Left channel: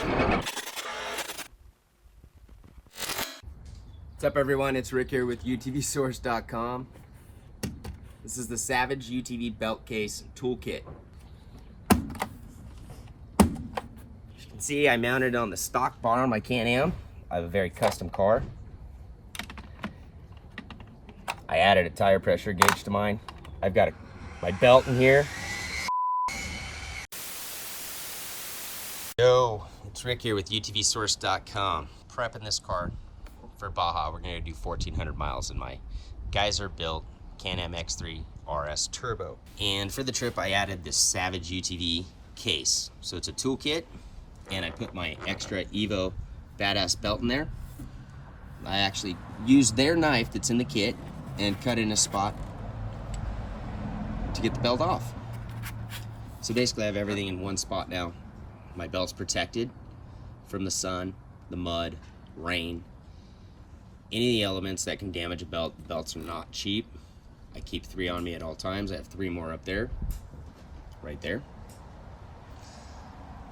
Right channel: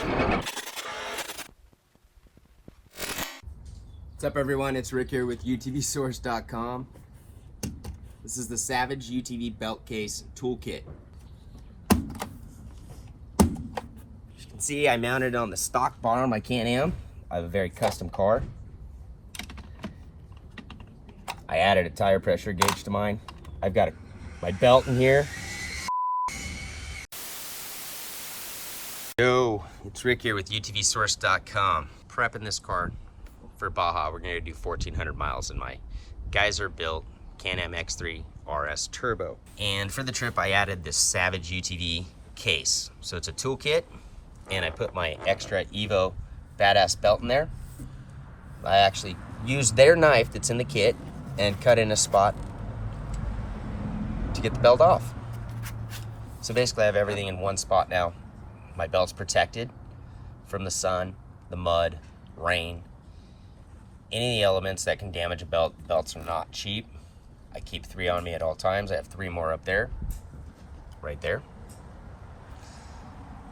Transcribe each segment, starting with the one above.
What's up everyone, it's Rick here with UTVSource.com. This is the Savage UTV Belt Case Toolkit. As you can see, I mounted it on the stock bar on my Can-Am. I have a very custom car. I added a tire pressure gauge to mine. I've got my belt in here. Yo, it's Rick here with UTVSource.com. Prepping this car for Baja. We're gonna do 1,400 miles in my Geyser built Can-Am X3 RS Turbo. And for the trip, I added this Savage UTV case. So it's a toolkit, and I put my extra Evo badass belt in there. I actually used their knife that's in the kit and cut in a spot to get the belt off. So basically I have everything in one spot now. My belt's protected from the sun, the mud, rain, any of the elements that can damage a belt. Belts are not cheap. I keep 3 on me at all times. I have 3 more up there, right there.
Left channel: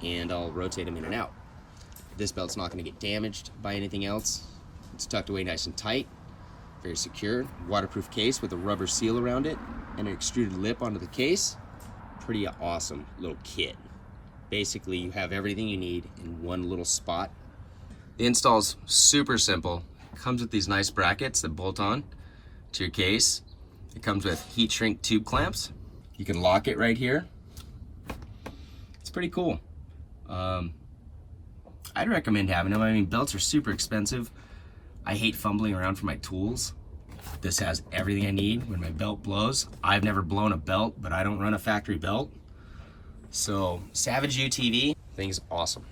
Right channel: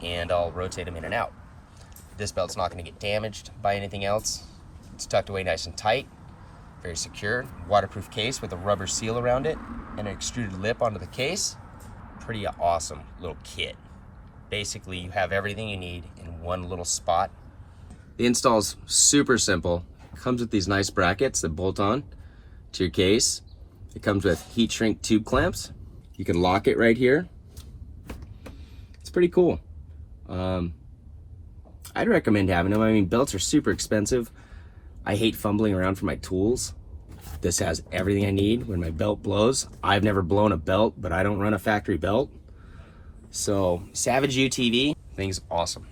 And I'll rotate them in and out. This belt's not gonna get damaged by anything else. It's tucked away nice and tight, very secure. Waterproof case with a rubber seal around it and an extruded lip onto the case. Pretty awesome little kit. Basically, you have everything you need in one little spot. The install's super simple. Comes with these nice brackets that bolt on to your case. It comes with heat shrink tube clamps. You can lock it right here. It's pretty cool. I'd recommend having them. I mean, belts are super expensive. I hate fumbling around for my tools. This has everything I need when my belt blows. I've never blown a belt, but I don't run a factory belt. So Savage UTV, thing's awesome.